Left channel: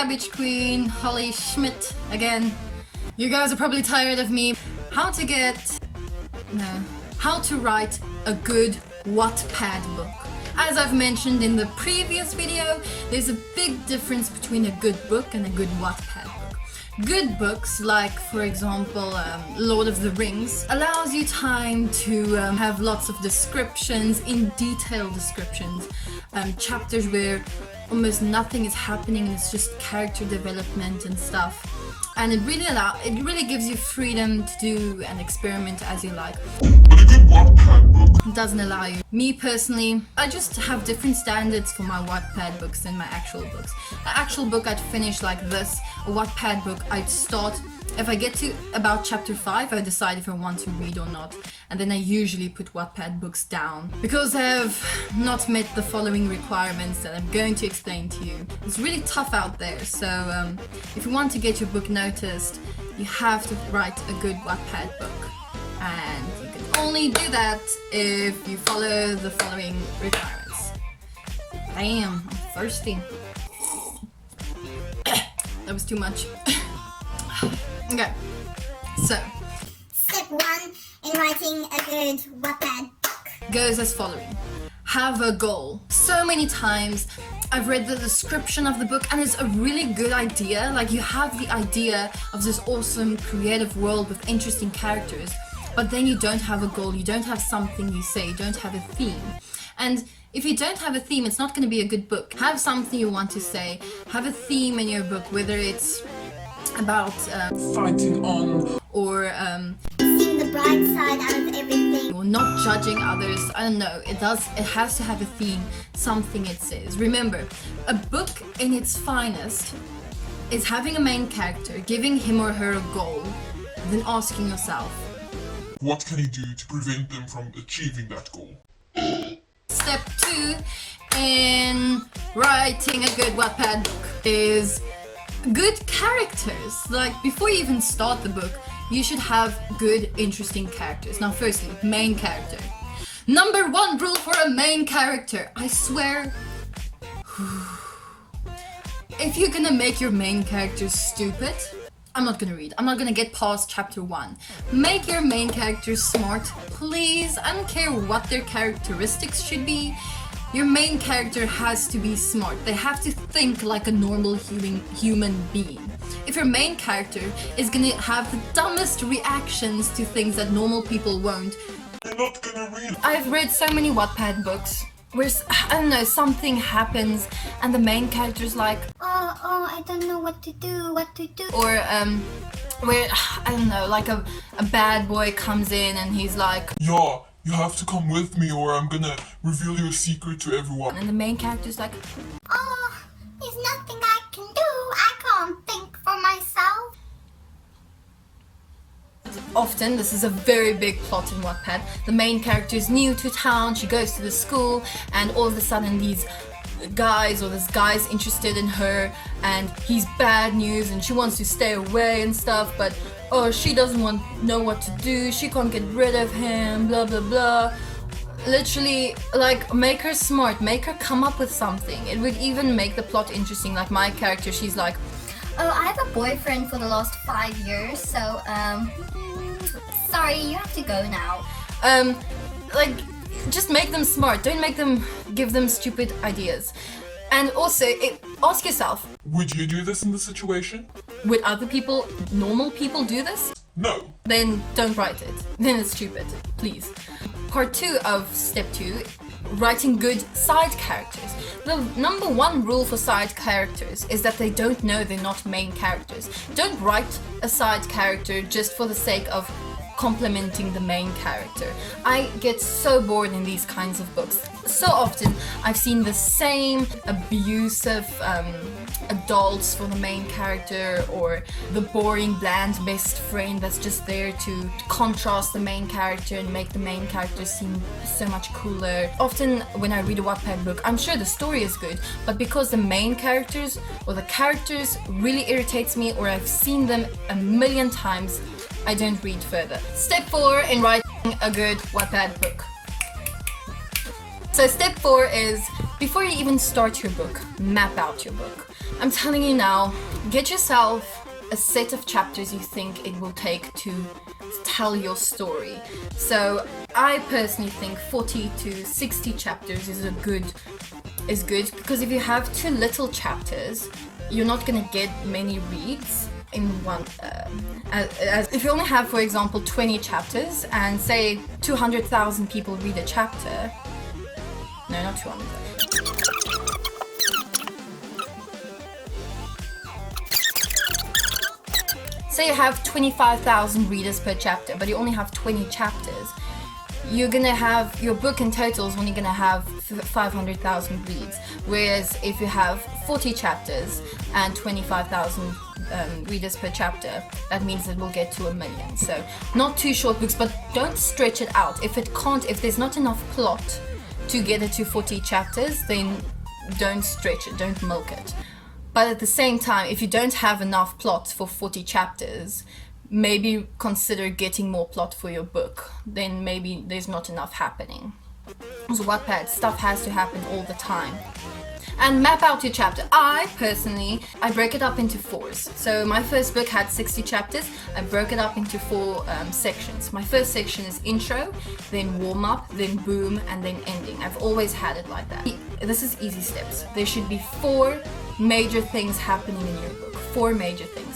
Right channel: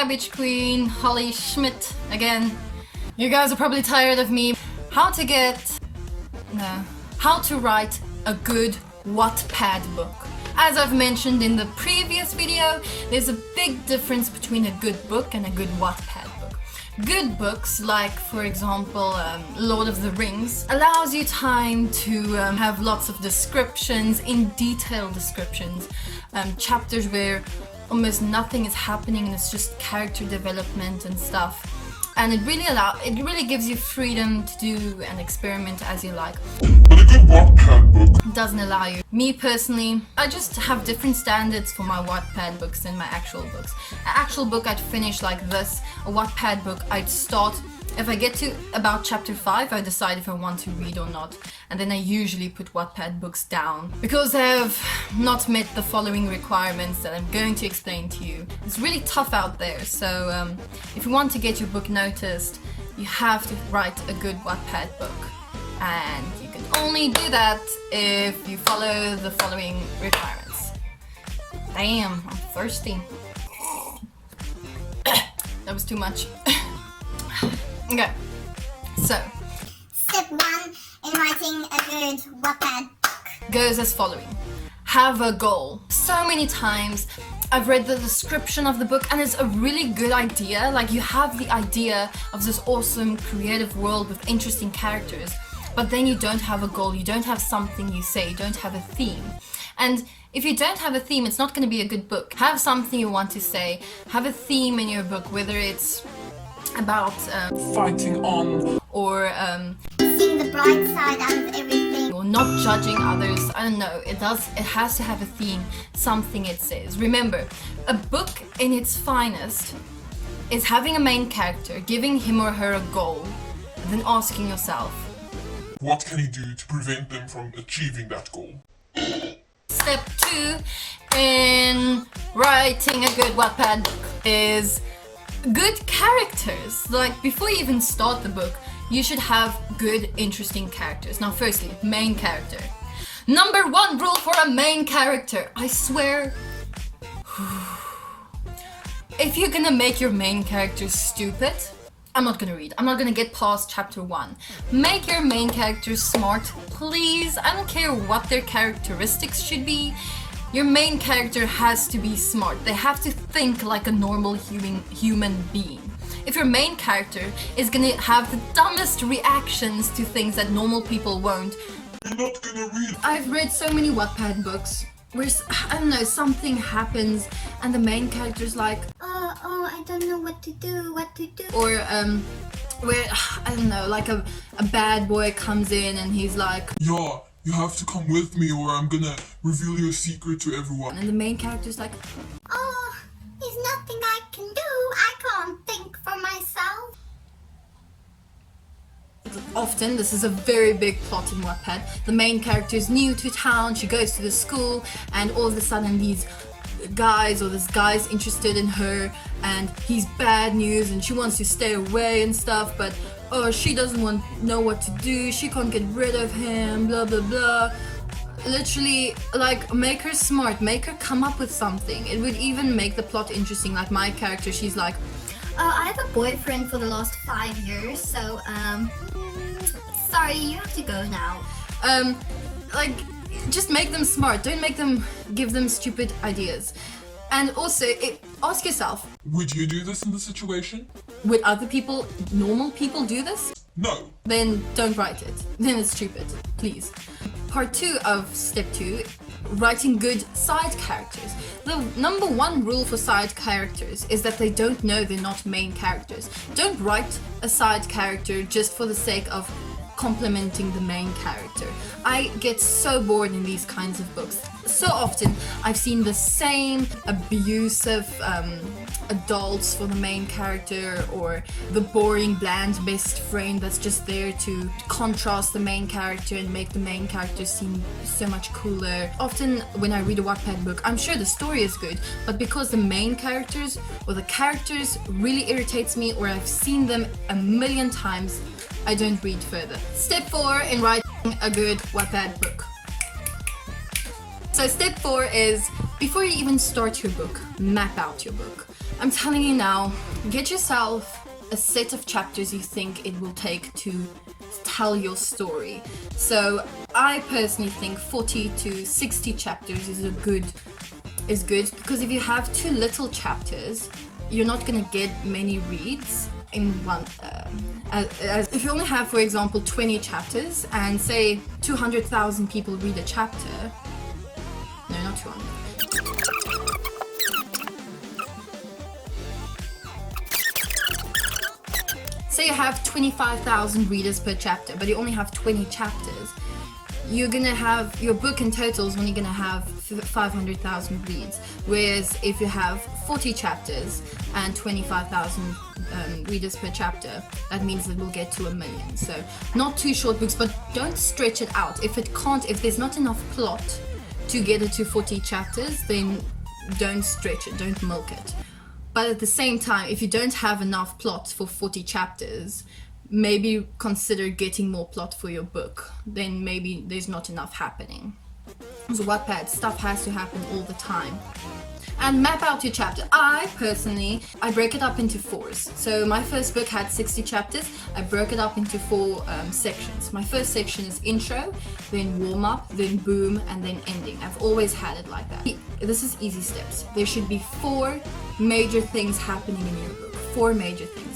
Cabbage Queen, Holly Shmit again. You guys are probably tired of me. How to write a good Wattpad book. As I've mentioned in the previous video, there's a big difference between a good book and a good Wattpad book. Good books, like for example Lord of the Rings, allows you time to have lots of descriptions, in detail descriptions, chapters where almost nothing is happening and it's just character development and stuff. And it really gives you freedom to do and experiment as you like. But a good Wattpad book doesn't allow you. Me personally, I just have different standards for my Wattpad books than my actual books. An actual book I'd finish like this. A Wattpad book I'd start. If I get to about chapter 5, I decide if I want to read or not. And then I usually put Wattpad books down because I have not met the following requirements that I'm going to explain to you. It's really tough out there, so if you want to get your book noticed, you have to write a good Wattpad book. And you can only do that if you follow the following requirements. Damn, I'm thirsty. That was too much. Okay, so step 1 in writing a good Wattpad book goes as following. Have a goal. So many times I've read the description of the book and it's a really good idea. Like, you have the idea of this awesome creative world with interesting characters, but then you don't have a goal, you don't have something you say, you don't have a theme. And if you don't have a theme, it's not going to be a good book. Have something you want to say, have a theme in your book, whether it's about fighting on, or seeing the bright side out of everything, or not judging others. I don't know, it has to have a theme, something it says. Remember, a book in its finest is having a main character, giving him or her a goal, then asking yourself, what can you do to prevent them from achieving that goal? Step 2 in writing a good Wattpad book is good characters. Like, before you even start the book, you should have good, interesting characters. Now, firstly, main character. Number 1 rule for a main character. I swear, if you're gonna make your main character stupid, I'm not gonna read. I'm not gonna get past chapter 1. Make your main character smart, please. I don't care what their characteristics should be. Your main character has to be smart. They have to think like a normal human being. If your main character is gonna have the dumbest reactions to things that normal people won't, you're not gonna read. I've read so many Wattpad books where, I don't know, something happens and the main character's like, oh, I don't know what to do. or where, I don't know, like a bad boy comes in and he's like, Yeah, you have to come with me or I'm gonna reveal your secret to everyone. and the main character's like, Oh, there's nothing I can do. I can't think for myself. often, this is a very big plot in Wattpad. The main character is new to town, she goes to the school, and all of a sudden these guys, or this guy's interested in her, and he's bad news, and she wants to stay away and stuff, but she doesn't know what to do, she can't get rid of him, blah blah blah. Literally, like, make her smart, make her come up with something. It would even make the plot interesting. Like, my character, she's like, Oh, I have a boyfriend for the last 5 years, so sorry, you have to go now. like, just make them smart, don't give them stupid ideas. And also, ask yourself, Would you do this in this situation? would other people, normal people, do this? No. Then don't write it. Then it's stupid, please. Part 2 of step 2, writing good side characters. The number 1 rule for side characters is that they don't know they're not main characters. Don't write a side character just for the sake of complimenting the main character. I get so bored in these kinds of books. So often I've seen the same abusive adults for the main character, or the boring bland best friend that's just there to contrast the main character and make the main character seem so much cooler. Often when I read a Wattpad book, I'm sure the story is good, but because the main characters or the characters really irritates me, or I've seen them a million times, I don't read further. Step 4 in writing a good Wattpad book. So step 4 is, before you even start your book, map out your book. I'm telling you now, get yourself a set of chapters you think it will take to tell your story. So I personally think 40 to 60 chapters is good because if you have too little chapters, you're not gonna get many reads in one. As if you only have, for example, 20 chapters and say 200,000 people read a chapter. No, not 200. Say you have 25,000 readers per chapter, but you only have 20 chapters. You're gonna have, your book in total is only gonna have 500,000 reads. Whereas if you have 40 chapters and 25,000 readers per chapter, that means it will get to 1 million. So not too short books, but don't stretch it out. If there's not enough plot to get it to 40 chapters, then don't stretch it, don't milk it. But at the same time, if you don't have enough plot for 40 chapters, maybe consider getting more plot for your book. Then maybe there's not enough happening. So Wattpad, stuff has to happen all the time. And map out your chapter. I break it up into 4s. So my first book had 60 chapters. I broke it up into 4 sections. My first section is intro, then warm up, then boom, and then ending. I've always had it like that. This is easy steps. There should be 4 major things happening in your book. 4 major things.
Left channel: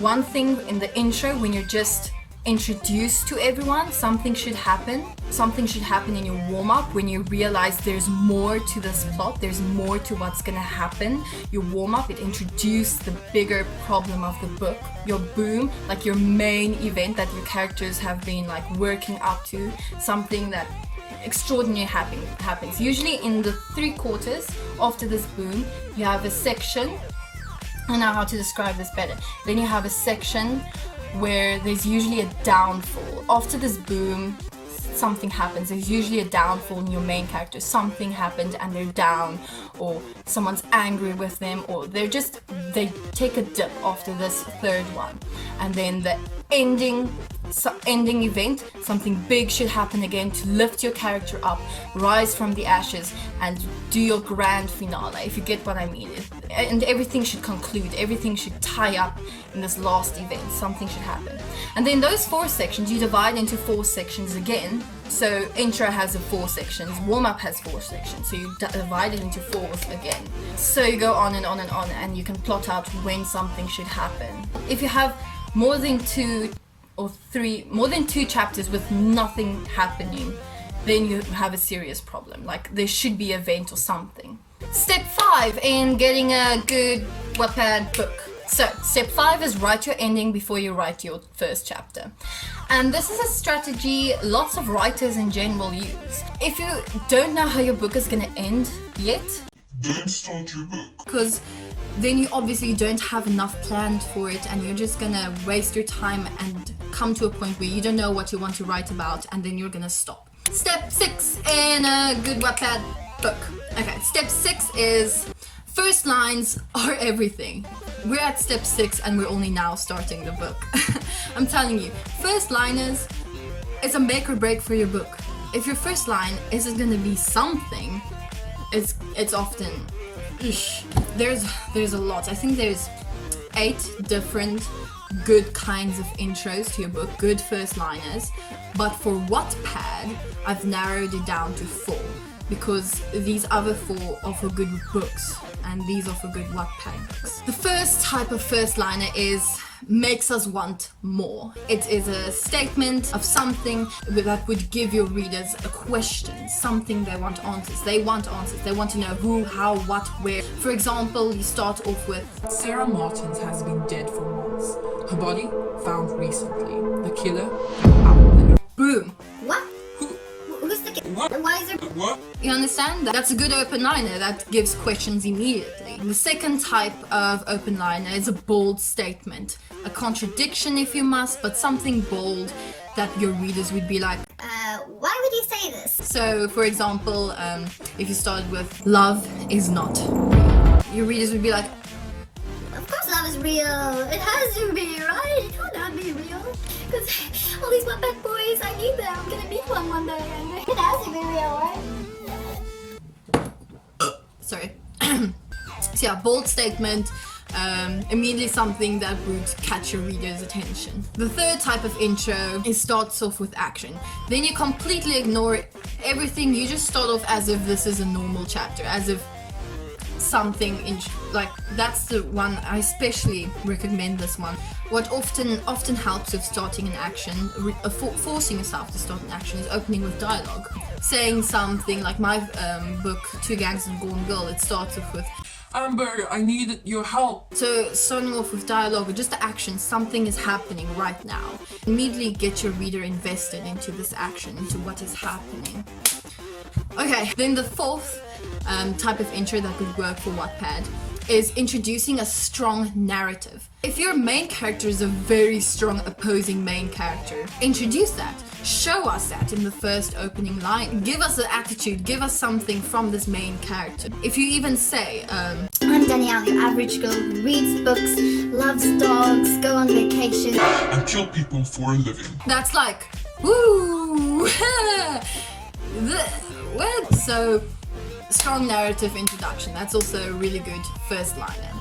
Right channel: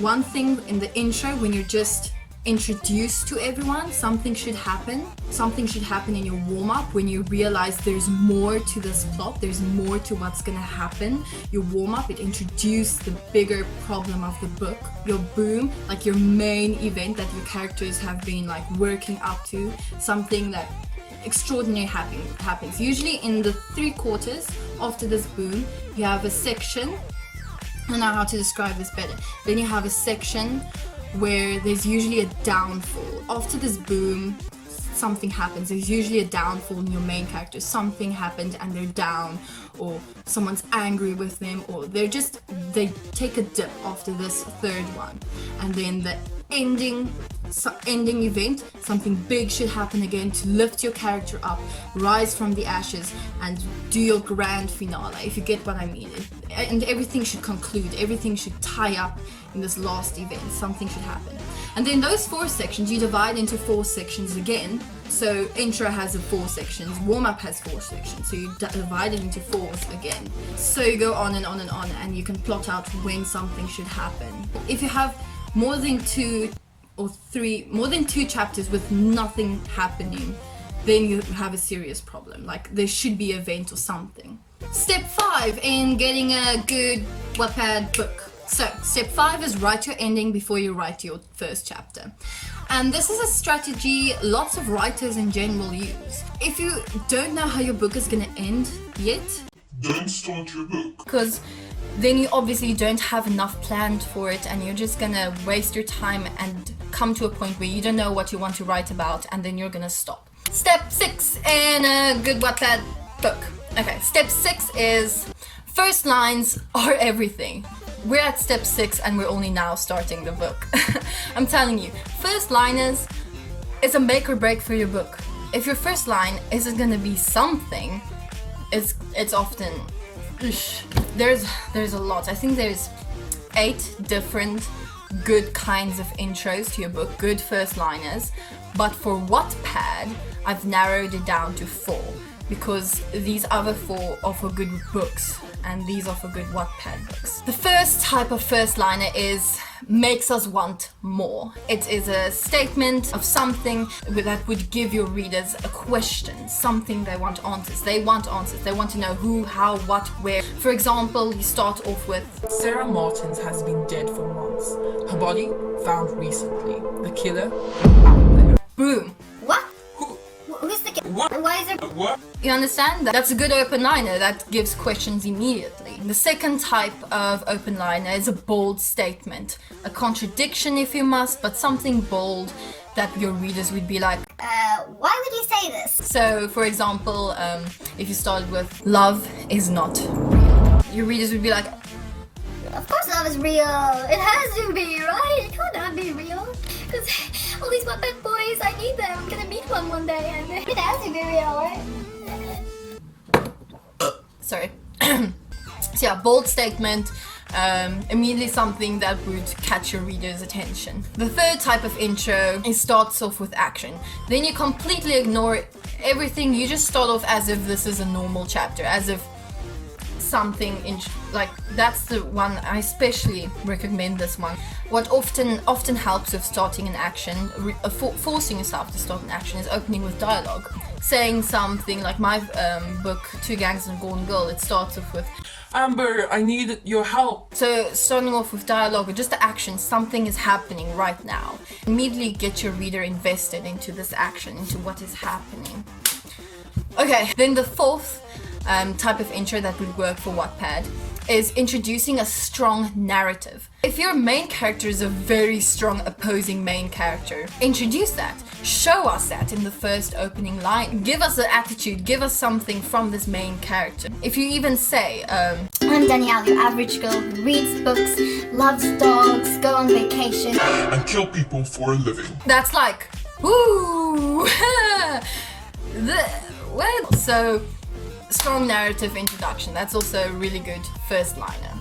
One thing in the intro, when you're just introduced to everyone, something should happen. Something should happen in your warm-up when you realize there's more to this plot, there's more to what's gonna happen. Your warm-up, it introduced the bigger problem of the book. Your boom, like your main event that your characters have been like working up to, something that extraordinary happens. Usually in the 3/4 after this boom, you have a section. I don't know how to describe this better. Then you have a section where there's usually a downfall. After this boom, something happens. There's usually a downfall in your main character. Something happened and they're down, or someone's angry with them, or they take a dip after this 3rd one. And then the ending event, something big should happen again to lift your character up, rise from the ashes, and do your grand finale, if you get what I mean. And everything should conclude, everything should tie up in this last event, something should happen. And then those 4 sections, you divide into 4 sections again. So intro has 4 sections, warm-up has 4 sections, so you divide it into 4s again. So you go on and on and on, and you can plot out when something should happen. If you have more than 2 chapters with nothing happening, then you have a serious problem. Like there should be an event or something. Step 5 in getting a good Wattpad book. So step 5 is write your ending before you write your first chapter. And this is a strategy lots of writers in general use. If you don't know how your book is gonna end yet, don't start your book. Because then you obviously don't have enough planned for it, and you're just gonna waste your time and come to a point where you don't know what you want to write about, and then you're gonna stop. Step 6 in a good Wattpad book. Okay, step 6 is first lines are everything. We're at step 6 and we're only now starting the book. I'm telling you, first liners is a make or break for your book. If your first line isn't gonna be something, it's often there's a lot. I think there's 8 different good kinds of intros to your book, good first liners. But for Wattpad, I've narrowed it down to 4. Because these other 4 are for good books and these are for good Wattpad books. The first type of first liner is makes us want more. It is a statement of something that would give your readers a question, something they want answers. They want answers. They want to know who, how, what, where. For example, you start off with Sarah Martins has been dead for months. Her body found recently. The killer out there. boom. What? Who's the kid? What? And why is there? What? You understand? That's a good open liner that gives questions immediately. The second type of open liner is a bold statement. A contradiction if you must, but something bold that your readers would be like, Why would you say this? so for example, if you started with love is not real, your readers would be like, Of course love is real. It has to be, right? It can't not be real. Because all these Wattpad boys, I need them. I'm gonna meet one day and it has to be real, right? sorry. So yeah, bold statement, immediately something that would catch your reader's attention. The third type of intro, it starts off with action. Then you completely ignore everything. You just start off as if this is a normal chapter, as if something like that's the one I especially recommend. This one, what often helps with starting an action, forcing yourself to start an action, is opening with dialogue, saying something like my book Two Gangs and a Golden Girl. It starts off with, Amber, I need your help. so starting off with dialogue or just the action, something is happening right now. Immediately get your reader invested into this action, into what is happening. Okay, then the fourth type of intro that would work for Wattpad is introducing a strong narrative. If your main character is a very strong opposing main character, introduce that. Show us that in the first opening line. Give us the attitude, give us something from this main character. If you even say, I'm Danielle, your average girl who reads books, loves dogs, go on vacation, and kill people for a living. that's like, woo! What? So, strong narrative introduction. That's also a really good first liner.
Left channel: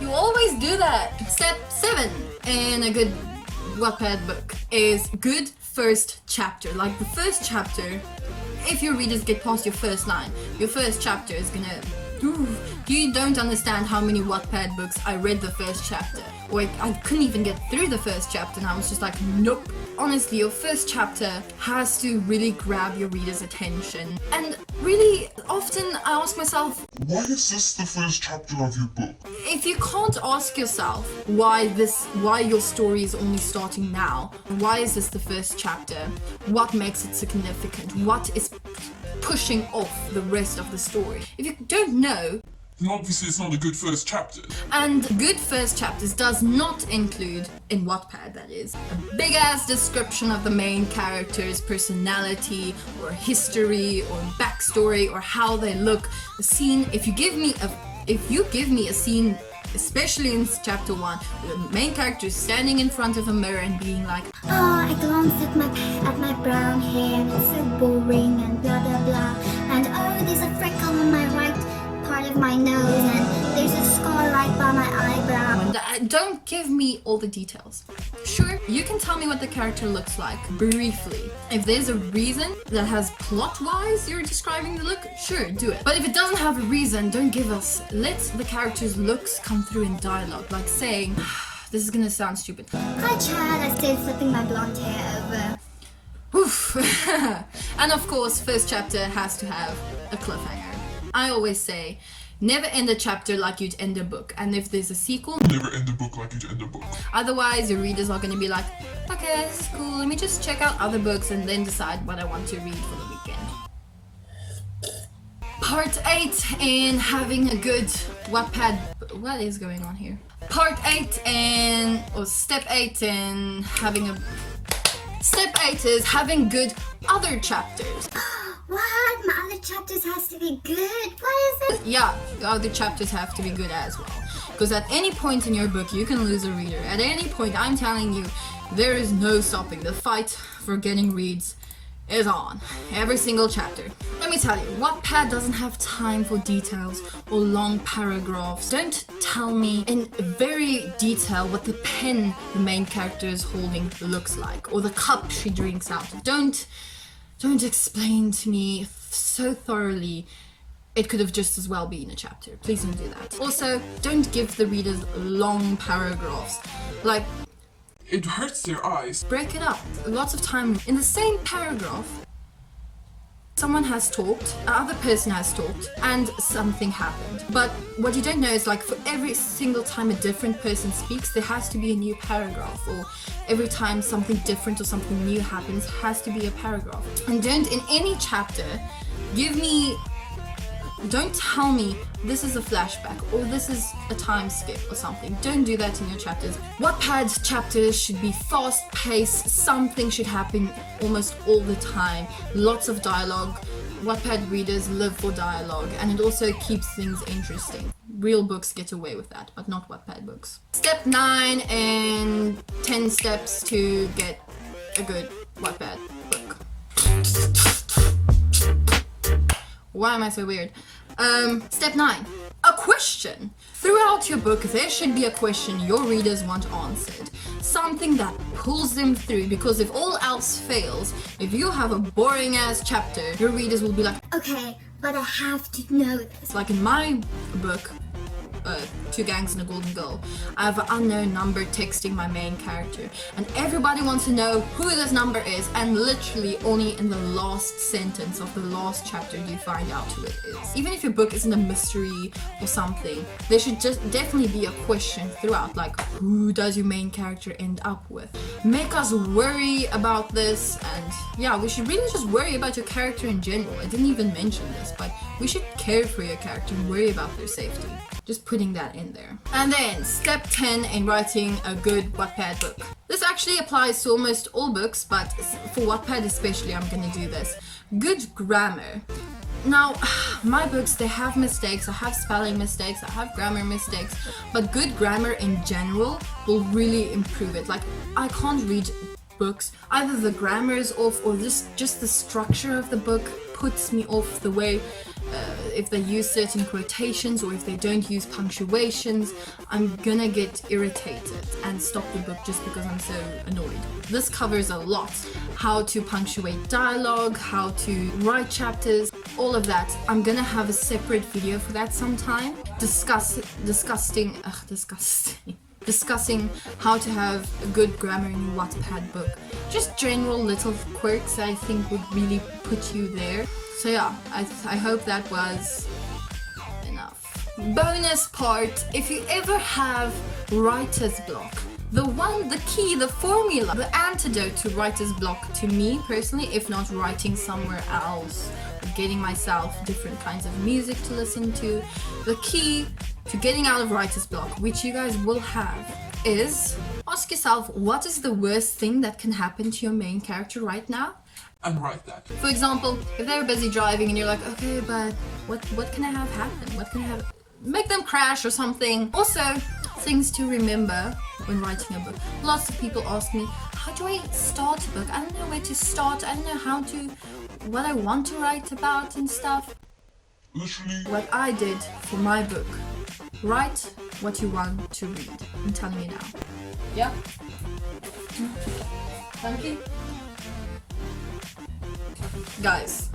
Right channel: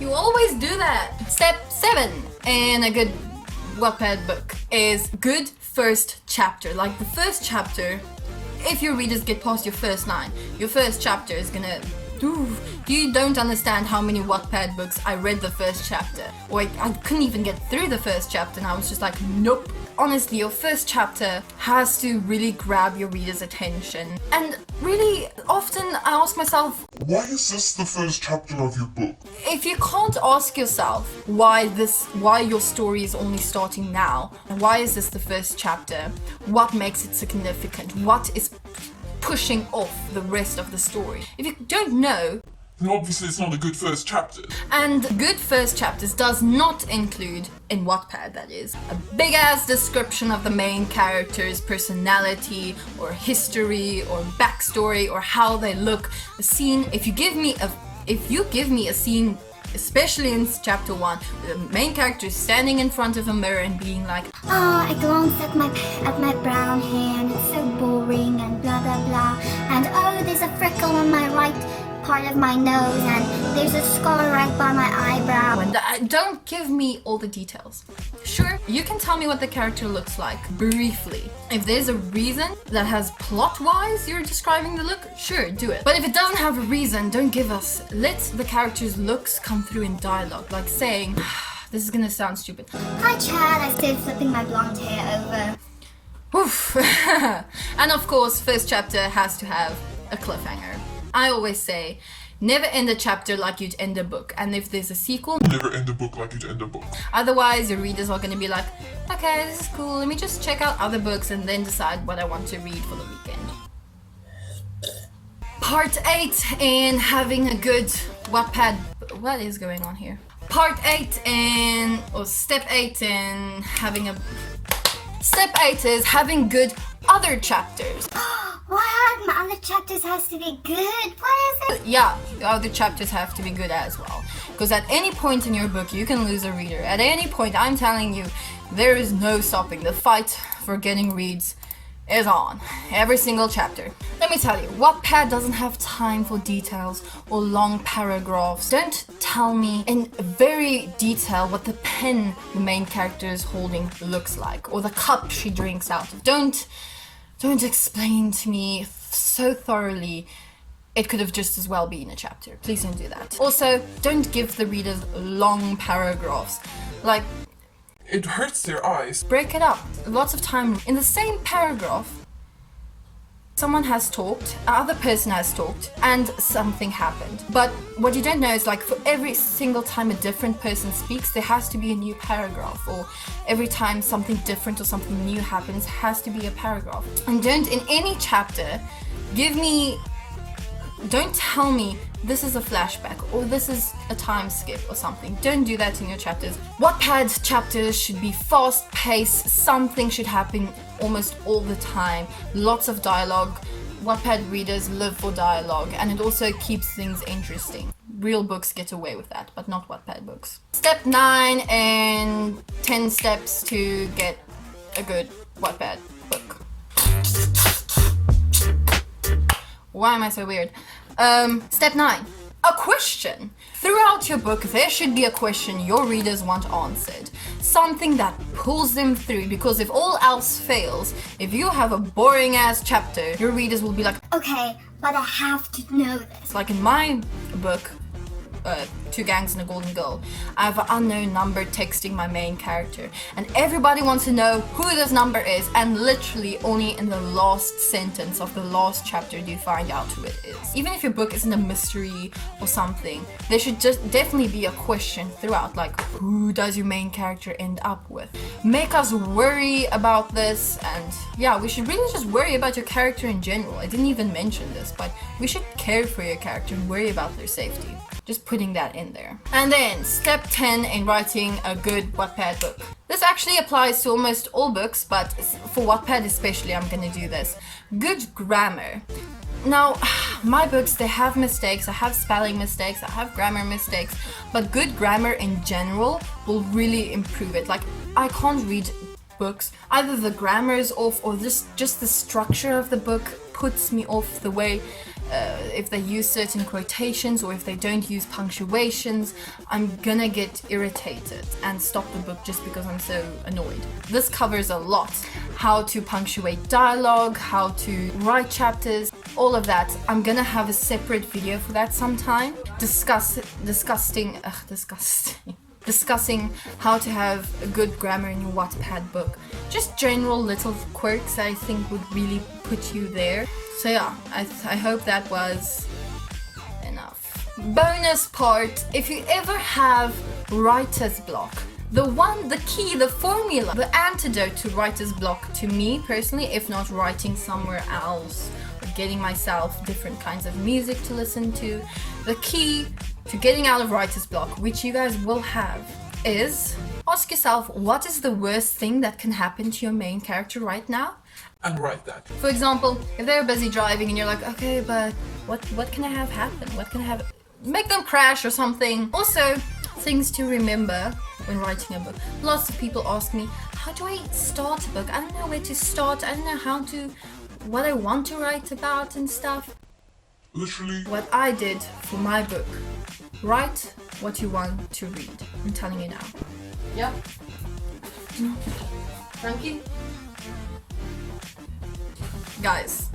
You always do that. Step 7 in a good Wattpad book is good first chapter. Like the first chapter, if your readers get past your first line, your first chapter is gonna... You don't understand how many Wattpad books I read the first chapter. Or I couldn't even get through the first chapter and I was just like, nope. Honestly, your first chapter has to really grab your reader's attention. And really, often I ask myself, Why is this the first chapter of your book? if you can't ask yourself why your story is only starting now, why is this the first chapter, what makes it significant, what is pushing off the rest of the story. If you don't know, then obviously it's not a good first chapter. and good first chapters does not include, in Wattpad that is, a big ass description of the main character's personality or history or backstory or how they look. A scene, if you give me a scene, especially in chapter 1, where the main character is standing in front of a mirror and being like, oh, I glance at my brown hair and it's so boring and blah blah blah. And oh, there's a freckle on my right part of my nose and there's a scar right by my eyebrow. and don't give me all the details. Sure, you can tell me what the character looks like briefly. If there's a reason that has plot-wise you're describing the look, sure, do it. But if it doesn't have a reason, don't give us. Let the character's looks come through in dialogue, like saying, this is gonna sound stupid. Hi Chad, I started flipping my blonde hair over. Oof. And of course, first chapter has to have a cliffhanger. I always say, never end a chapter like you'd end a book. And if there's a sequel, Never end a book like you'd end a book. otherwise your readers are going to be like, okay, this is cool, let me just check out other books and then decide what I want to read for the weekend. Part 8 in having a good Wattpad... What is going on here? Part 8 in... or Step 8 in having a... Step 8 is having good other chapters. What? My other chapters has to be good? What is it? Yeah, the other chapters have to be good as well. Because at any point in your book, you can lose a reader. At any point, I'm telling you, there is no stopping. The fight for getting reads is on. Every single chapter. Let me tell you, Wattpad doesn't have time for details or long paragraphs. Don't tell me in very detail what the pen the main character is holding looks like, or the cup she drinks out of. Don't explain to me so thoroughly. It could have just as well been a chapter. Please don't do that. Also, don't give the readers long paragraphs. Like, It hurts their eyes. break it up. Lots of time in the same paragraph. Someone has talked, another person has talked, and something happened. But what you don't know is, like, for every single time a different person speaks, there has to be a new paragraph. Or every time something different or something new happens, has to be a paragraph. And don't, in any chapter, don't tell me this is a flashback or this is a time skip or something. Don't do that in your chapters. Wattpad chapters should be fast-paced. Something should happen almost all the time. Lots of dialogue. Wattpad readers live for dialogue, and it also keeps things interesting. Real books get away with that, but not Wattpad books. Step 9 and 10 steps to get a good Wattpad book. Why am I so weird? Step 9. A question. Throughout your book, there should be a question your readers want answered. Something that pulls them through, because if all else fails, if you have a boring ass chapter, your readers will be like, Okay, but I have to know this. like in my book, Two Gangs and a Golden Girl, I have an unknown number texting my main character, and everybody wants to know who this number is, and literally only in the last sentence of the last chapter do you find out who it is. Even if your book isn't a mystery or something, there should just definitely be a question throughout, like who does your main character end up with? Make us worry about this, and yeah, we should really just worry about your character in general. I didn't even mention this, but we should care for your character and worry about their safety. Just putting that in there. And then step 10 in writing a good Wattpad book. This actually applies to almost all books, but for Wattpad especially, I'm gonna do this. Good grammar. Now, my books, they have mistakes. I have spelling mistakes, I have grammar mistakes, but good grammar in general will really improve it. Like, I can't read books, either the grammar is off or just the structure of the book puts me off, the way if they use certain quotations or if they don't use punctuations, I'm gonna get irritated and stop the book just because I'm so annoyed. This covers a lot. How to punctuate dialogue, how to write chapters, all of that. I'm gonna have a separate video for that sometime. Discussing how to have a good grammar in your Wattpad book. Just general little quirks that I think would really put you there. So yeah, I hope that was enough. Bonus part, if you ever have writer's block, the key, the formula, the antidote to writer's block to me personally, if not writing somewhere else, getting myself different kinds of music to listen to, the key to getting out of writer's block, which you guys will have, is ask yourself, what is the worst thing that can happen to your main character right now? And write that. For example, if they're busy driving and you're like, okay, but what can I have happen? What can I have? Make them crash or something. Also, things to remember when writing a book. Lots of people ask me, how do I start a book? I don't know where to start. I don't know what I want to write about and stuff. Literally. What I did for my book, write what you want to read. I'm telling you now. Yeah. Thank you. Guys,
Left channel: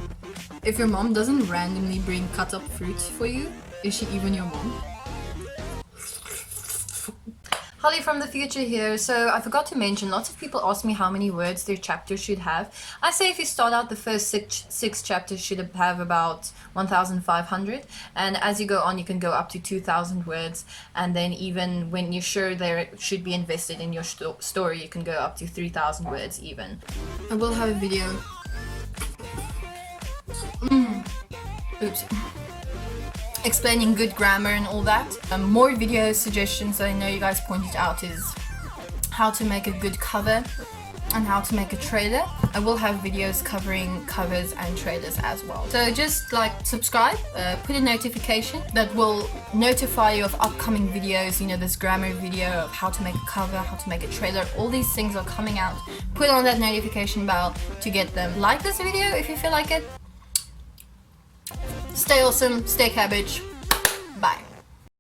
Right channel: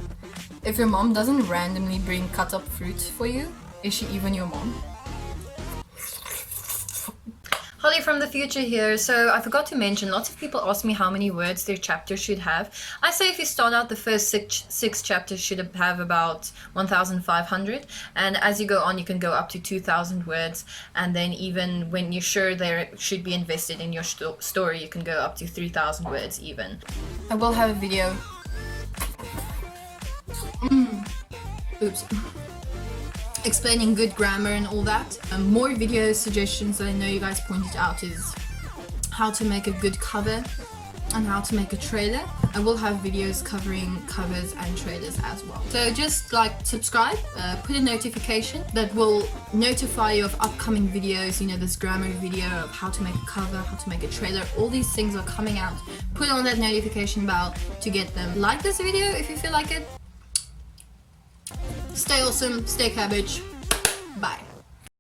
if your mom doesn't randomly bring cut up fruit for you, is she even your mom? Holly from the future here. So I forgot to mention, lots of people ask me how many words their chapter should have. I say if you start out, the first six chapters should have about 1,500, and as you go on you can go up to 2,000 words, and then even when you're sure there should be invested in your story, you can go up to 3,000 words even. I will have a video. Oops. Explaining good grammar and all that. More video suggestions that I know you guys pointed out is how to make a good cover and how to make a trailer. I will have videos covering covers and trailers as well. So just like subscribe, put a notification that will notify you of upcoming videos. You know, this grammar video of how to make a cover, how to make a trailer, all these things are coming out. Put on that notification bell to get them. Like this video if you feel like it. Stay awesome, stay cabbage. Bye.